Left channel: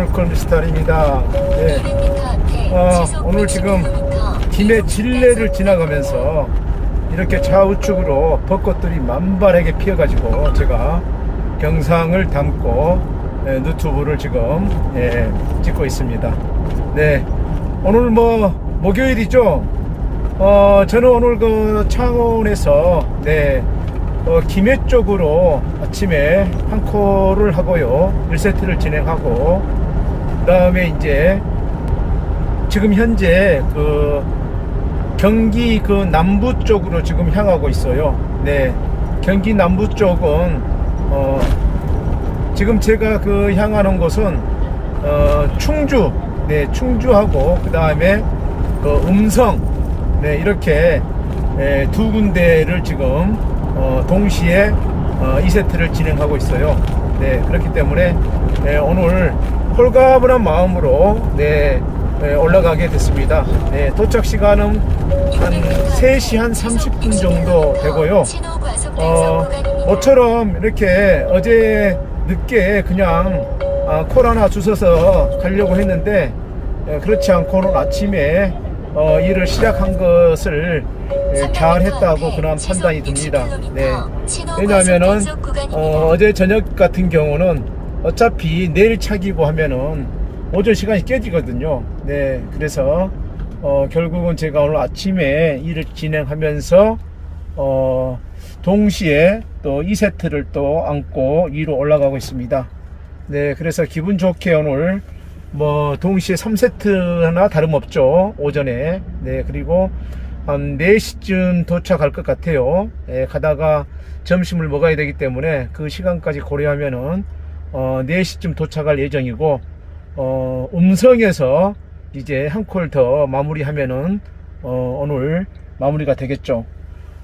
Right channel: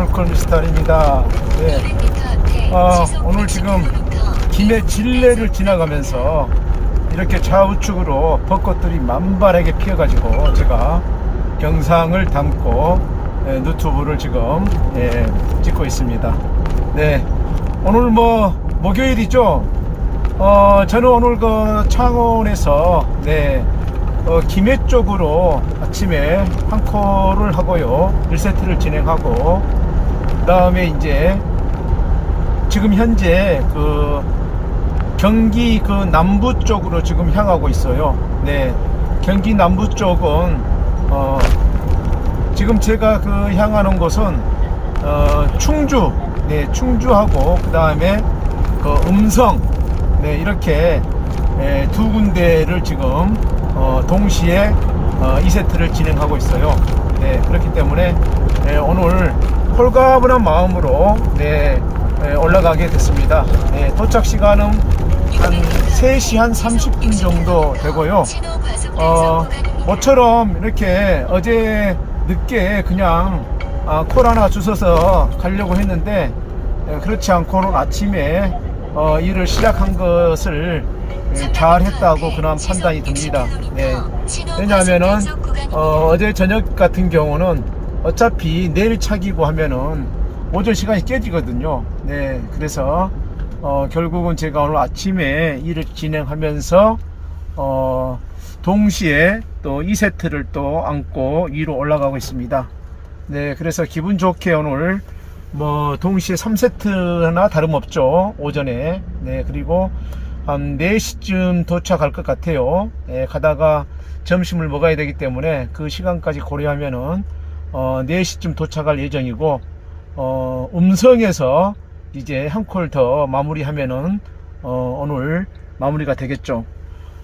물건 스타일입니다. 네. 아, 오늘 지금 김해 진례를 지나가면서 이렇게 좌우측으로 벚꽃들이 만발하게 피어가지고 제가 영상을 담고 예, 유튜브를 지금 예, 찍고 있습니다. 네, 오늘 뭐 목요일이죠. 어, 저는 오늘 그 창원에서 네, 어, 김해 쪽으로 아침에 한 콜을 하고요. 1세트를 진행하고 그 다음에 이제 지금 현재 그 경기 그 남부 쪽으로 지금 향하고 있어요. 네. 경기 남부 쪽은 어 지금 제가 그 향하는 곳은 어 충주 네, 충주하고 그다음에 그 음성 네, 이렇게 예, 두 군데를 지금 어 동시에 어 2세트를 진행하고 있어요. 네, 그렇기 때문에 예, 오늘 홀가분한 마음으로 네, 예, 올라가게 됐습니다. 네, 도착 시간은 한 3시 한 30분 정도 되고요. 어, 모처럼 이렇게 어제 늦게 그냥 아, 콜 하나 주워서 가려고 했는데 예, 그렇지 않고 오늘 아침에 어, 일을 시작한 것을 예, 잘 했다고 그런 판단이 듭니다. 네. 왜냐하면은 어, 어제 저녁 같은 경우는 어차피 내일 차기고 하면은 오전 시간이 깨지거든요. 네, 그래서 어, 결국은 제가 오늘 아침에 일을 진행하면서 어, 동시에 또 2세트를 또 안고 위로 올라가고 있습니다. 네, 그래서 기분 좋게 오늘 뭐 동시에 3세트나 다름없죠. 오전에. 네, 그리고 한 4시쯤 도착할 것 같아요. 네, 가다가 점심을 먹어야 되기 때문에 그 시간까지 고려하면은 어, 4시쯤 도착할 예정이고 어, 음성에서 이제 한 콜 더 마무리하면은 어, 오늘 마무리가 되겠죠.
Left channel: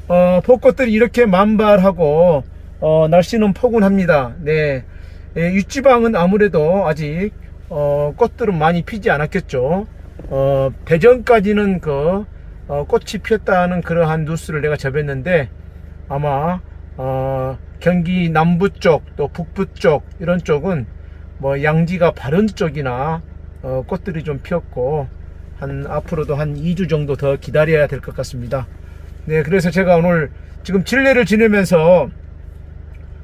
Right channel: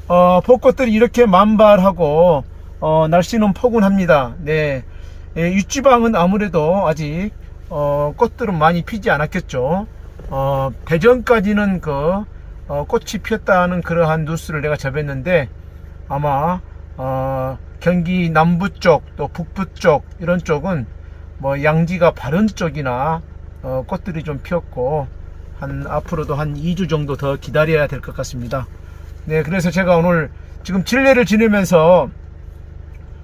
어, 벚꽃들이 이렇게 만발하고 어, 날씨는 포근합니다. 네, 예, 윗지방은 아무래도 아직 어, 꽃들은 많이 피지 않았겠죠. 어, 대전까지는 그 어, 꽃이 피었다는 그러한 뉴스를 내가 접했는데 아마 어, 경기 남부 쪽 또 북부 쪽 이런 쪽은 뭐 양지가 바른 쪽이나 어, 꽃들이 좀 피었고 한 앞으로도 한 2주 정도 더 기다려야 될 것 같습니다. 네, 그래서 제가 오늘 지금 진례를 지내면서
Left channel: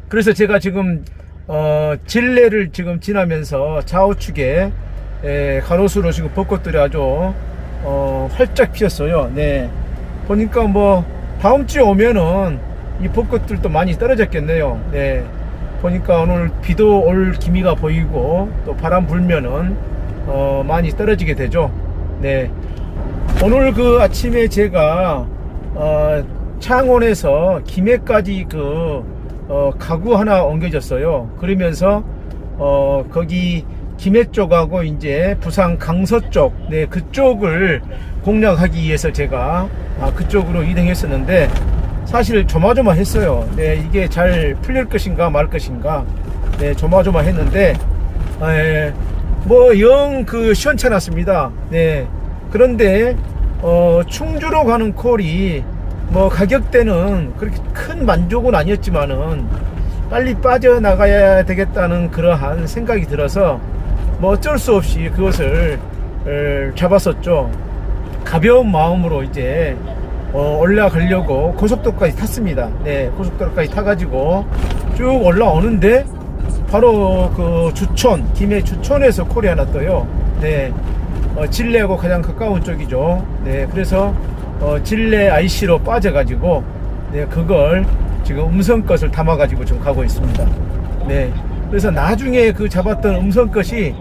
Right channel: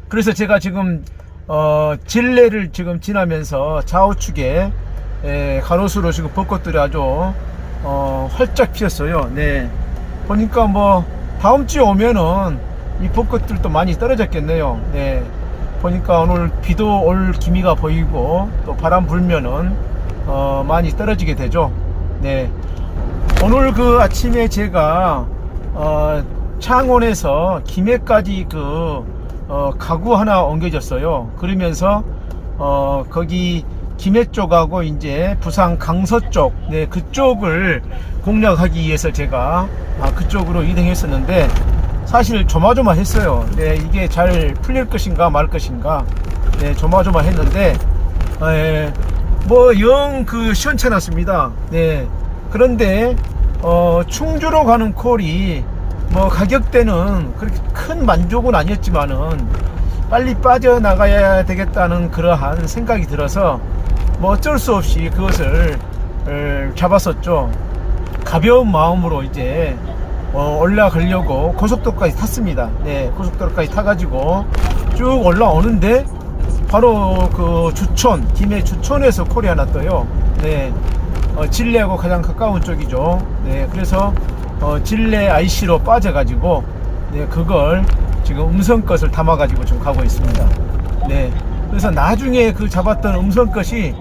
그래서 제가 지금 어, 진례를 지금 지나면서 좌우측에 에, 가로수로 지금 벚꽃들이 아주 어, 활짝 피었어요. 네, 보니까 뭐 다음 주에 오면은 이 벚꽃들도 많이 떨어졌겠네요. 네, 보니까 오늘 비도 올 기미가 보이고 또 바람 불면은 어, 많이 떨어지게 되죠. 네, 오늘 그 아침에 제가 어, 창원에서 김해까지 그 어, 가구 하나 옮겨졌어요. 그러면서 어, 거기 김해 쪽하고 이제 부산 강서 쪽, 네 그쪽을 공략하기 위해서 제가 아, 그쪽으로 이동했었는데 사실 조마조마했어요. 네 이게 잘 풀릴 것인가 말 것인가, 네 조마조마했는데 뭐영 그 시원찮았습니다. 네 그런데 어, 충주로 가는 콜이 뭐 가격대는 그렇게 큰 만족은 아니었지만은 빨리 빠져나가야 되겠다는 그러한 생각이 들어서 뭐 어쩔 수 없이 그것을 을, 잡았었죠. 가벼운 마음으로 이제 어, 올라가려고 고속도로까지 탔습니다. 네, 고속도로까지 타가지고 쭉 올라오는데 바로 그 주촌, 김해 주촌에서 콜이 하나 떠요. 네, 어, 진례하고 가장 가까운 쪽이죠. 네, 그래서 어, 진례 IC로 빠져가지고 네, 그걸 지금 음성 것을 담아가지고 지금 가고 있습니다. 네, 그래서 나중에 그 잡았던 음성 것이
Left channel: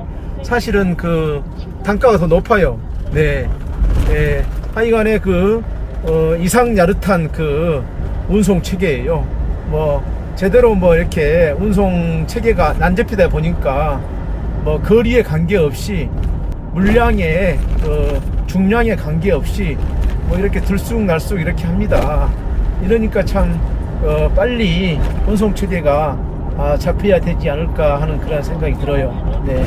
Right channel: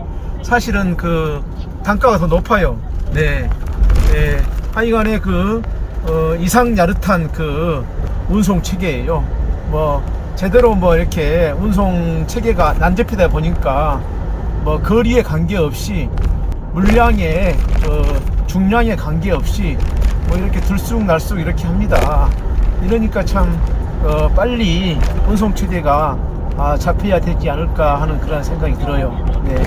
사실은 그 단가가 더 높아요. 네, 네 하여간에 그 어, 이상 야릇한 그 운송 체계예요. 뭐 제대로 뭐 이렇게 운송 체계가 난잡히다 보니까 뭐 거리에 관계없이 물량에 그 중량에 관계없이 뭐 이렇게 들쑥날쑥 이렇게 합니다. 이러니까 참 어, 빨리 운송 체계가 아, 잡혀야 되지 않을까 하는 그런 생각이 들어요. 네.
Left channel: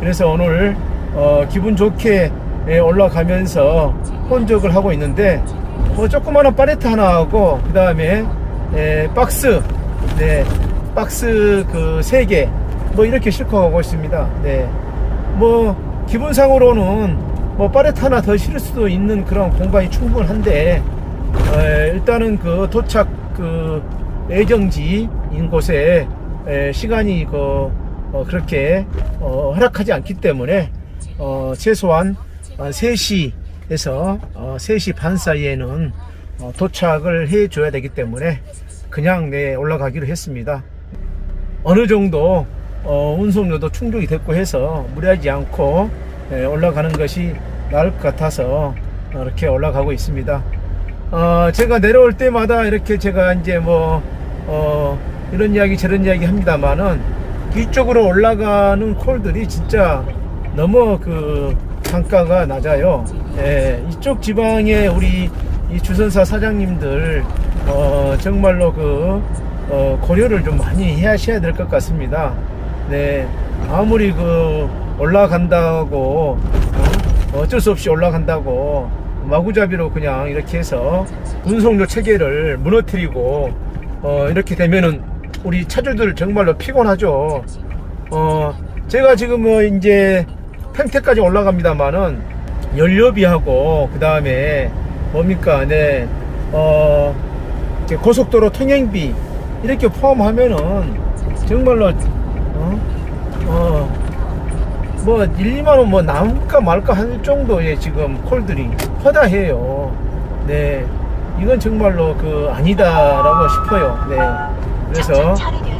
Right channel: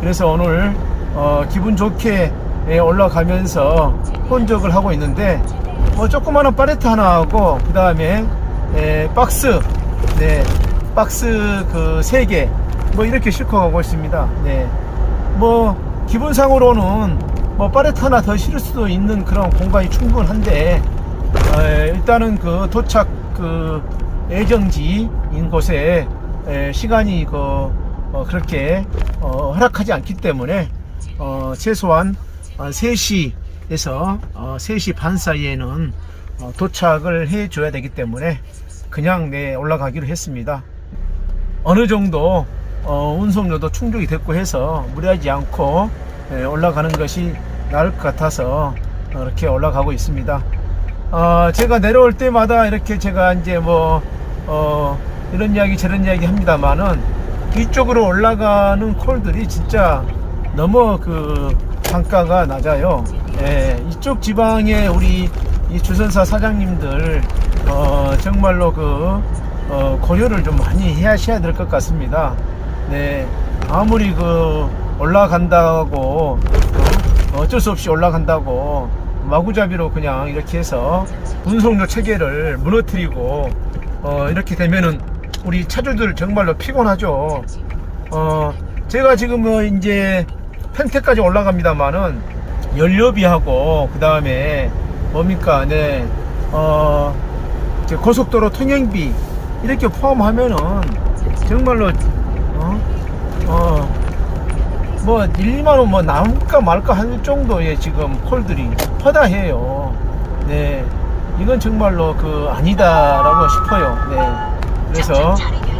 그래서 오늘 어, 기분 좋게 예, 올라가면서 혼적을 하고 있는데 뭐 조그마한 팔레트 하나 하고 그 다음에 예, 박스 네 박스 그 세 개 뭐 이렇게 싣고 가고 있습니다. 네뭐 기본상으로는 뭐 파레트 하나 더 실을 수도 있는 그런 공간이 충분한데 에, 일단은 그 도착 그 예정지인 곳에 에, 시간이 그 어, 그렇게 어, 허락하지 않기 때문에 어, 최소한 한 3시에서 어, 3시 반 사이에는 어, 도착을 해 줘야 되기 때문에 그냥 네 올라가기로 했습니다. 어느 정도 어, 운송료도 충족이 됐고 해서 무리하지 않고 예, 올라가는 것이 나을 것 같아서 어, 이렇게 올라가고 있습니다. 어, 제가 내려올 때마다 이렇게 제가 이제 뭐 어, 이런 이야기 저런 이야기 합니다만은 이쪽으로 올라가는 콜들이 진짜 너무 그 단가가 낮아요. 예, 이쪽 지방에 우리 이 주선사 사장님들 어, 정말로 그 어, 고려를 좀 많이 하셔야 될 것 같습니다. 네, 아무리 그 올라간다고 어, 어쩔 수 없이 올라간다고 마구잡이로 그냥 이렇게 해서 운송료 체계를 무너뜨리고 어, 이렇게 되면은 우리 차주들 정말로 피곤하죠. 어, 제가 지금 그 이제 펜테까지 올라갑니다만은 연료비하고 그 다음에 뭡니까, 네, 어, 고속도로 통행비 이렇게 포함하면은 정말로 어, 어, 뭐 1, 2만 원뭐 말까 할 정도의 지금 콜들이 허다해요. 네, 이건 정말로 그 아니다라고 싶어요. 네, 그래서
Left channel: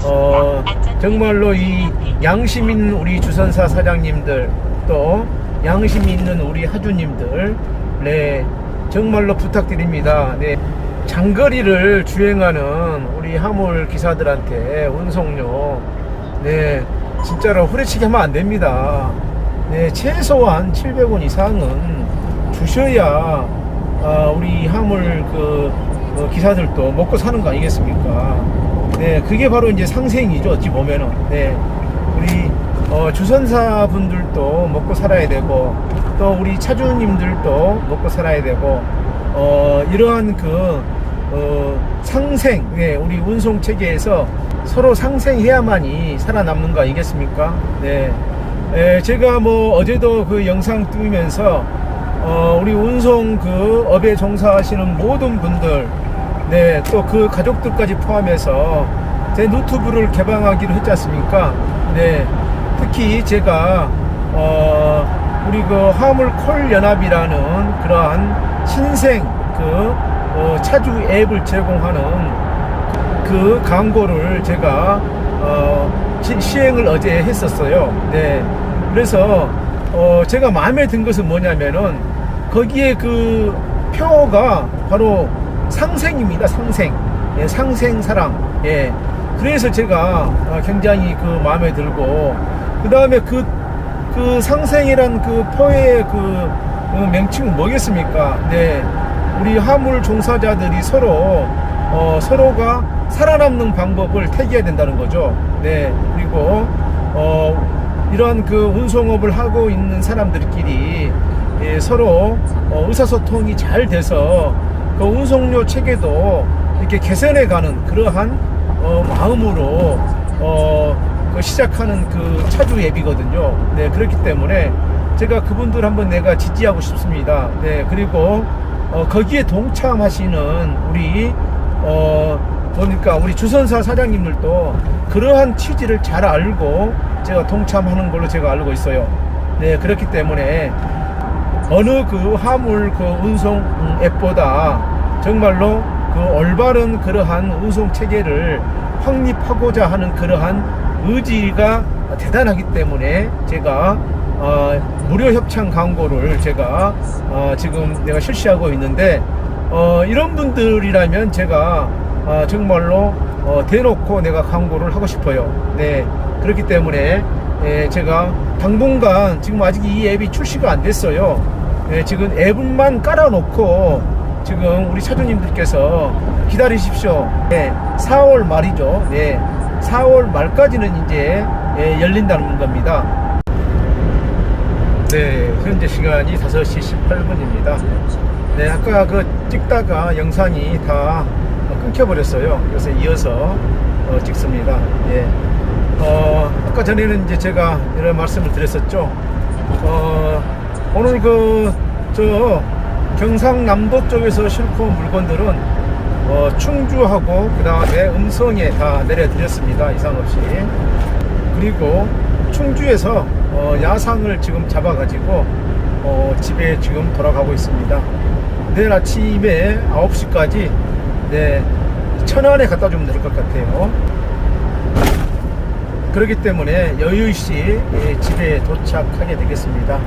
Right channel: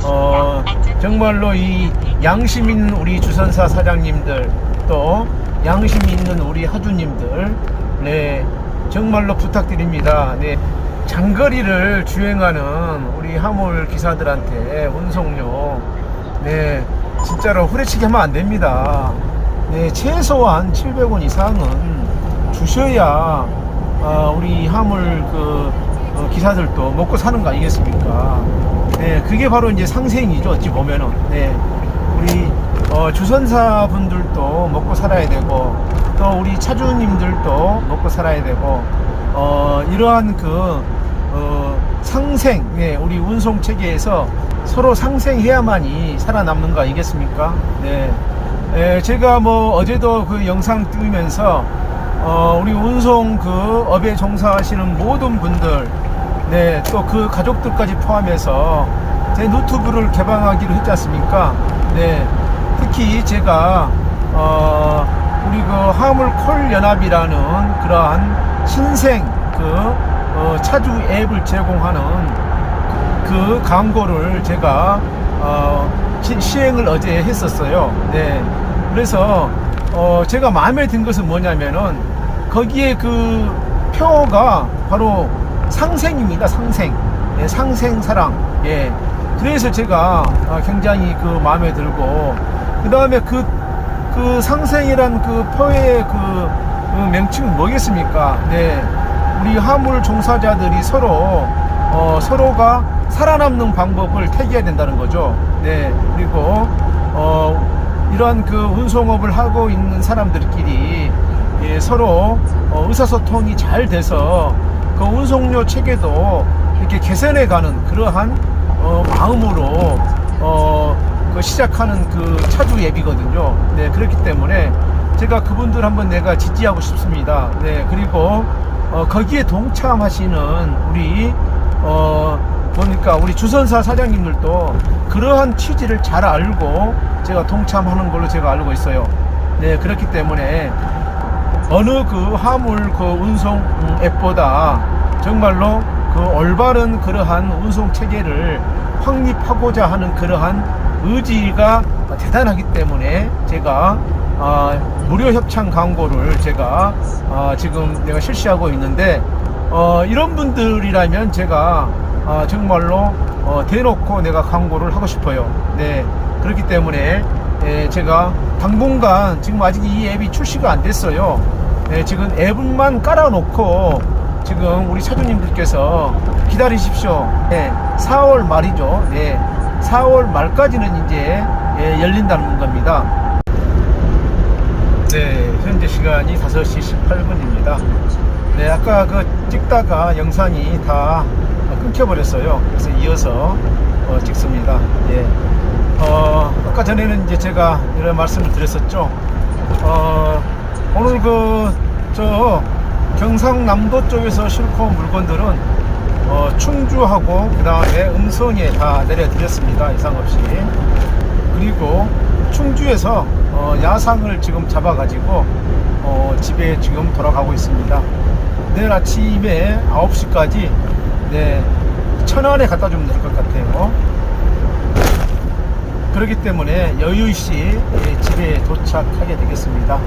어, 정말로 이 양심 있는 우리 주선사 사장님들 또 양심 있는 우리 하주님들 네 정말로 부탁드립니다. 네 장거리를 주행하는 우리 화물 기사들한테 운송료 네 진짜로 후려치기 하면 안 됩니다. 네 최소한 700원 이상은 주셔야 아, 우리 화물 그 어, 기사들도 먹고 사는 거 아니겠습니까? 네, 그게 바로 이제 상생이죠. 어찌 보면은. 네, 우리 어, 주선사 분들도 먹고 살아야 되고, 또 우리 차주님들도 먹고 살아야 되고, 어, 이러한 그 어, 상생, 네, 우리 운송 체계에서 서로 상생해야만이 살아남는 거 아니겠습니까? 네, 에, 제가 뭐 어제도 그 영상 띄우면서 어, 우리 운송 그 업에 종사하시는 모든 분들, 네, 또 그 가족들까지 포함해서 제 노트북을 개방하기로 했지 않습니까? 네, 특히 제가, 어, 우리 그 화물 콜 연합이라는 그러한 신생 그, 어, 차주 앱을 제공하는 그 광고를 제가, 어, 시, 시행을 어제 했었어요. 네, 그래서, 어, 제가 마음에 든 것은 뭐냐면은 거기에 그 표가 바로 상생입니다. 상생. 예, 상생 사랑. 예. 그래서 제가 어, 굉장히 그 마음에 들고 그 다음에 그, 그 상생이란 그 표의 그 어, 명칭은 뭐겠습니까? 네. 우리 화물 종사자들이 서로 어, 서로가 살아남는 방법을 태기해야 된다는 거죠. 네. 그리고 어, 이러한 그 운송업을 하고 있는 사람들끼리 예, 서로 어, 의사소통이 잘 돼서 그 운송료 체계도 이렇게 개선해가는 그러한 어, 마음으로 어, 그 시작하는 그 차주 앱이거든요. 네, 그렇기 때문에 제가 그분들 한번 내가 지지하고 싶습니다. 네, 그리고 어, 거기에 동참하시는 우리 어, 보니까 우리 주선사 사장님들도 그러한 취지를 잘 알고 제가 동참하는 걸로 제가 알고 있어요. 네, 그렇기 때문에 어느 그 화물 그 운송 앱보다 정말로 그 올바른 그러한 운송 체계를 확립하고자 하는 그러한 의지가 대단하기 때문에 제가 어, 무료 협찬 광고를 제가 어, 지금 내가 실시하고 있는데 어, 이런 분들이라면 제가 어, 정말로 어, 대놓고 내가 광고를 하고 싶어요. 네 그렇기 때문에 예, 제가 당분간 지금 아직 이 앱이 출시가 안 됐어요. 예, 지금 앱만 깔아놓고 지금 우리 차주님들께서 기다리십시오. 네, 4월 말이죠. 네, 4월 말까지는 이제 예, 열린다는 겁니다. 네, 현재 시간이 5시 18분입니다. 네, 아까 그 찍다가 영상이 다 끊겨버렸어요. 그래서 이어서 어, 찍습니다. 예. 어, 아까 전에는 이제 제가 이런 말씀을 드렸었죠. 어, 오늘 그, 저, 경상남도 쪽에서 실고 온 물건들은, 어, 충주하고, 그 다음에 음성에 다 내려드렸습니다. 이상 없이. 그리고 충주에서, 어, 야상을 지금 잡아가지고, 어, 집에 지금 돌아가고 있습니다. 내일 아침에 9시까지, 네, 천안에 갖다 주면 될 것 같아요. 그렇기 때문에 여유있이 예, 집에 도착하게 되겠습니다.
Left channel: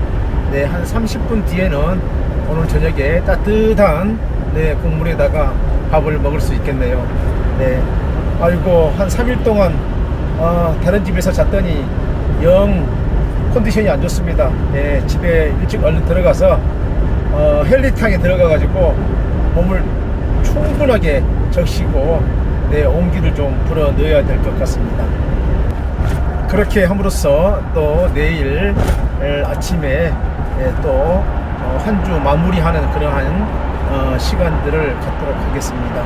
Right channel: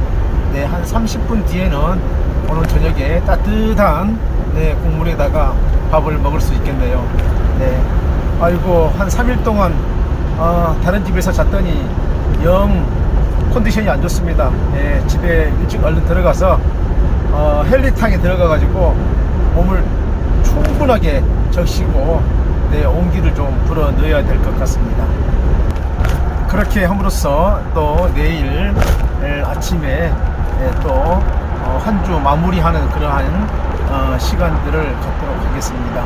네, 한 30분 뒤에는 오늘 저녁에 따뜻한 네, 국물에다가 밥을 먹을 수 있겠네요. 네. 아이고, 한 3일 동안 아, 다른 집에서 잤더니 영 컨디션이 안 좋습니다. 네, 집에 일찍 얼른 들어가서 어, 헬리탕에 들어가가지고 몸을 충분하게 적시고 네, 온기를 좀 불어 넣어야 될 것 같습니다. 그렇게 함으로써 또 내일 에, 아침에 또 한 주 마무리하는 그러한 어, 시간들을 갖도록 하겠습니다.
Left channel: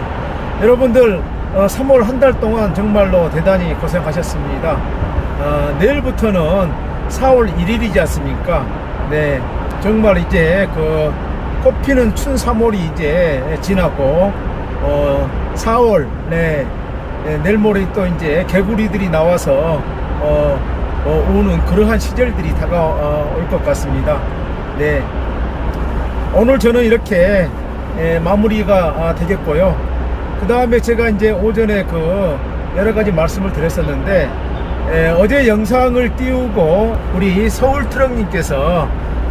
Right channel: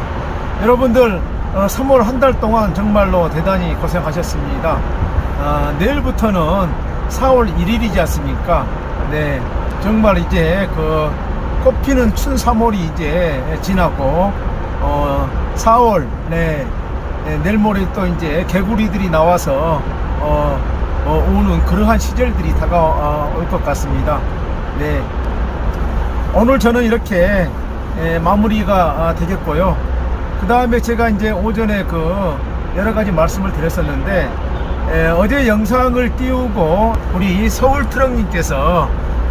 여러분들 3월 한 달 동안 정말로 대단히 고생하셨습니다. 아, 내일부터는 4월 1일이지 않습니까? 네, 정말 이제 그 꽃피는 춘 3월이 이제 지나고 어, 4월 네, 네, 내일 모레 또 이제 개구리들이 나와서 어, 어, 우는 그러한 시절들이 다가올 것 같습니다. 네. 오늘 저는 이렇게 예, 마무리가 아, 되겠고요. 그 다음에 제가 이제 오전에 그 여러 가지 말씀을 드렸었는데 예, 어제 영상을 띄우고 우리 서울 트럭님께서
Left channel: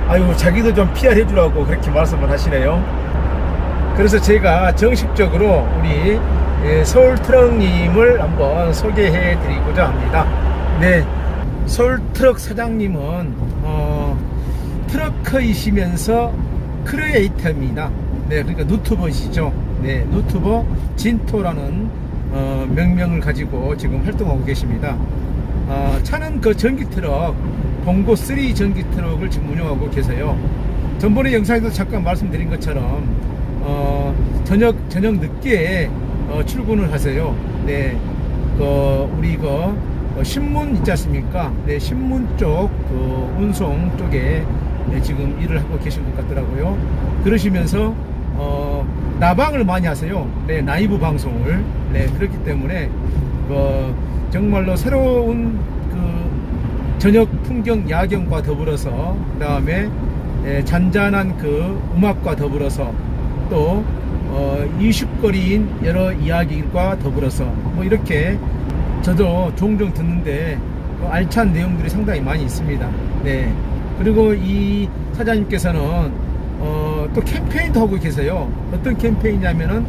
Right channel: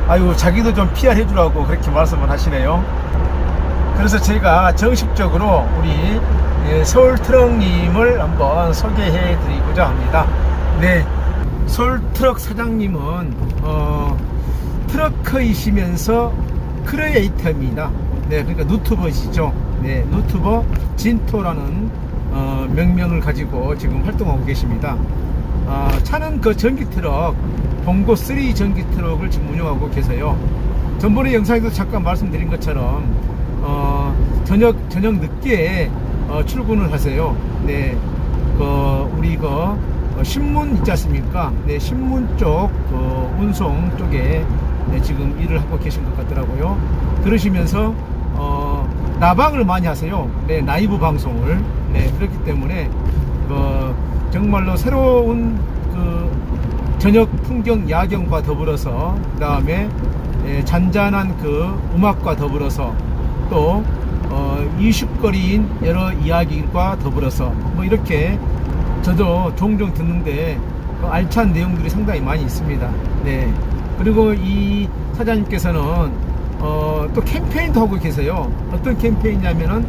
아유 자기도 좀 PR 해주라고 그렇게 말씀을 하시네요. 그래서 제가 정식적으로 우리 예, 서울 트럭님을 한번 소개해 드리고자 합니다. 네, 서울 트럭 사장님은 어, 트럭커이시면서 크리에이터입니다. 네, 그러니까 누트버시죠. 네, 누트버 진토라는 어, 명명을 가지고 지금 활동하고 계십니다. 어, 차는 그 전기 트럭, 봉고 3 전기 트럭을 지금 운영하고 계세요. 전번에 영상에도 잠깐 말씀드린 것처럼 어, 저녁 저녁 늦게 어, 출근을 하세요. 네, 그 우리 그 어, 신문 있지 않습니까? 네, 신문 쪽, 그 운송 쪽에 네, 지금 일을 하고 계신 것 같더라고요. 그러시면서, 어, 나방을 많이 하세요. 네, 라이브 방송을. 네, 그렇기 때문에, 그, 정말로 새로운 그, 저녁 풍경 야경과 더불어서, 그 다음에, 예, 잔잔한 그 음악과 더불어서, 또, 어, 이슈거리인 여러 이야기과 더불어서, 뭐 이렇게 저도 종종 듣는데 어, 알찬 내용들이 상당히 많이 있습니다. 네. 그리고 이 사장님께서는 어, 또 캠페인도 하고 계세요. 어떤 캠페인이냐면은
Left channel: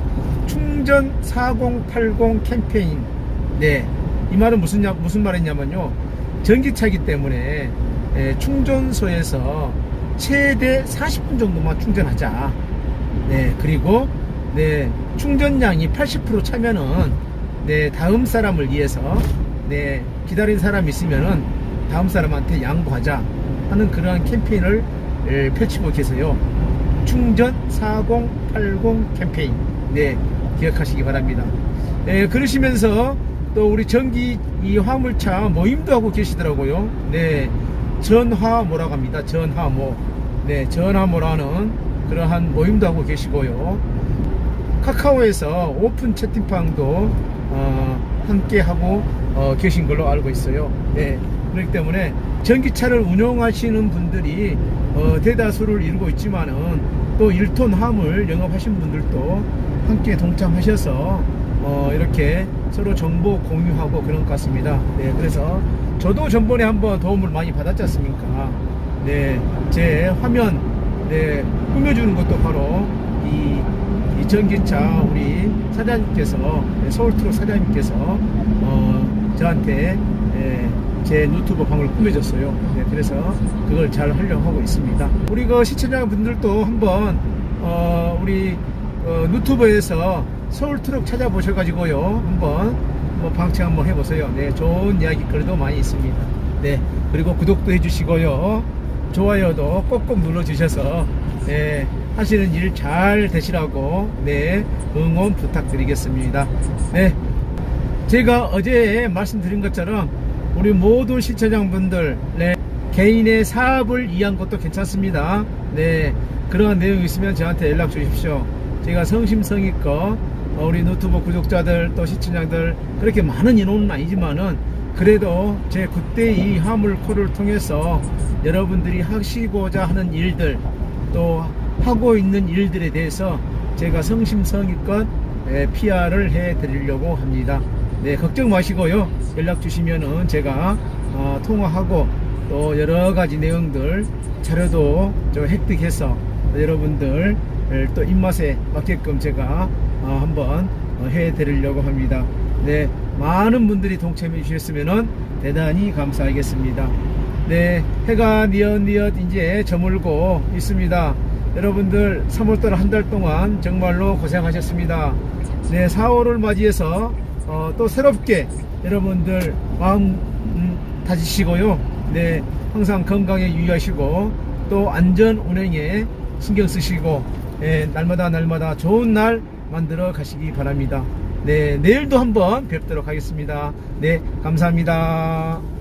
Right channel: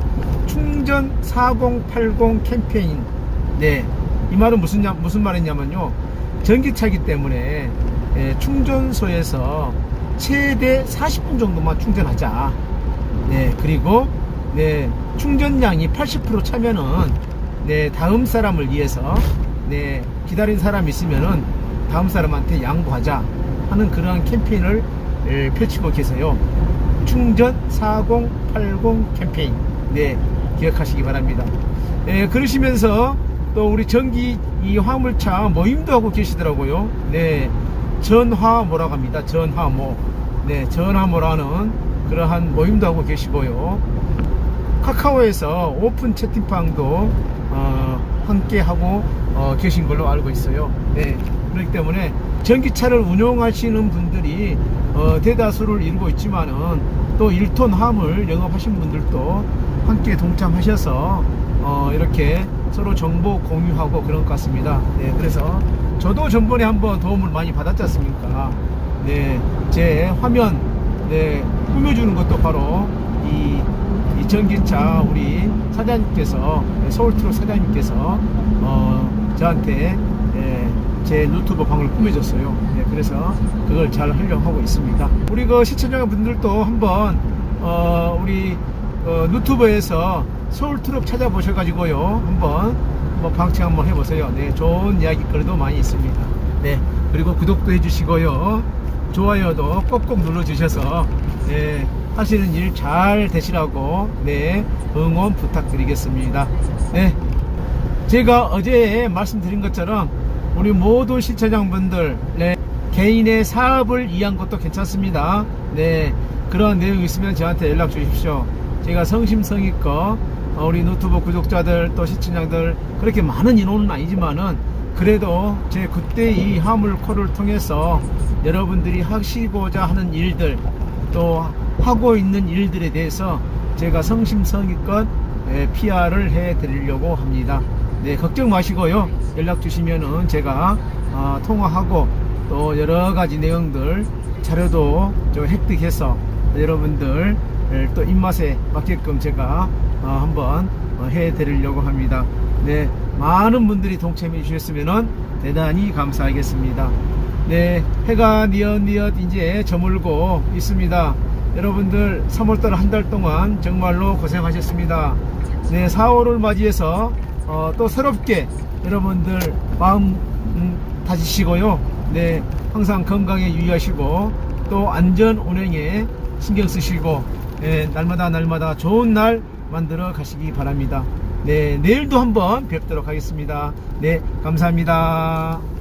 충전 4080 캠페인. 네. 이 말은 무슨 냐- 무슨 말이냐면요. 전기차이기 때문에 예, 충전소에서 최대 40분 정도만 충전하자. 네. 그리고 네, 충전량이 80% 차면은 네, 다음 사람을 위해서 네, 기다린 사람 있으면은 다음 사람한테 양보하자 하는 그러한 캠페인을 예, 펼치고 계세요. 충전 4080 캠페인. 네, 기억하시기 바랍니다. 예, 그러시면서 또 우리 전기 이 화물차 모임도 하고 계시더라고요. 네, 전화모라고 합니다. 전화모. 네, 전화모라는 그러한 모임도 하고 계시고요. 카카오에서 오픈 채팅방도 어, 함께 하고 어, 계신 걸로 알고 있어요. 네. 그렇기 때문에 전기차를 운영하시는 분들이 어, 대다수를 이루고 있지만은 또 1톤 화물 영업하신 분들도 함께 동참하셔서 어, 이렇게 서로 정보 공유하고 그런 것 같습니다. 네. 그래서 저도 전번에 한번 도움을 많이 받았지 않습니까? 네. 제 화면 네, 꾸며주는 것도 바로 이, 이 전기차 우리 사장님께서 네, 서울트럭 사장님께서 어, 저한테 예, 제 노트북 방을 꾸며줬어요. 네, 그래서 그걸 잘 하려고 하고 있습니다. 우리 그 시청자 분들도 한번 어, 우리 어, 유튜브에서 서울 트럭 찾아보셔가지고요 한번 뭐 방치 한번 해보세요. 네, 좋은 이야기거리도 많이 있습니다. 네, 그리고 구독도 해주시고요. 좋아요도 꼭꼭 눌러주셔서 예, 하시는 일 잘 되시라고 네 응원 부탁드리겠습니다. 네, 제가 어제 말씀드린 것처럼 우리 모든 시청자분들 네, 개인의 사업을 위한 것도 괜찮습니다. 네, 그런 내용 있으면 저한테 연락 주십시오. 제가 성심성의껏 어, 우리 노트북 구독자들 또 시청자들 그렇게 많은 인원은 아니지만은 그래도 제 그때 이 화물코를 통해서 여러분들이 하시고자 하는 일들 또 하고 있는 일들에 대해서 제가 성심성의껏 예, PR을 해 드리려고 합니다. 네, 걱정 마시고요. 연락 주시면은 제가 어, 통화하고 또 여러 가지 내용들 자료도 좀 획득해서 여러분들 또 입맛에 맞게끔 제가 어, 한번 어, 해 드리려고 합니다. 네, 많은 분들이 동참해 주셨으면 대단히 감사하겠습니다. 네, 해가 니엇니엇 이제 저물고 있습니다. 여러분들 3월달 한 달 동안 정말로 고생하셨습니다. 네, 4월을 맞이해서 어, 또 새롭게 여러분들 마음 음, 다지시고요. 네, 항상 건강에 유의하시고 또 안전 운행에 신경 쓰시고 예, 날마다 날마다 좋은 날 만들어 가시기 바랍니다. 네, 내일도 한번 뵙도록 하겠습니다. 네, 감사합니다.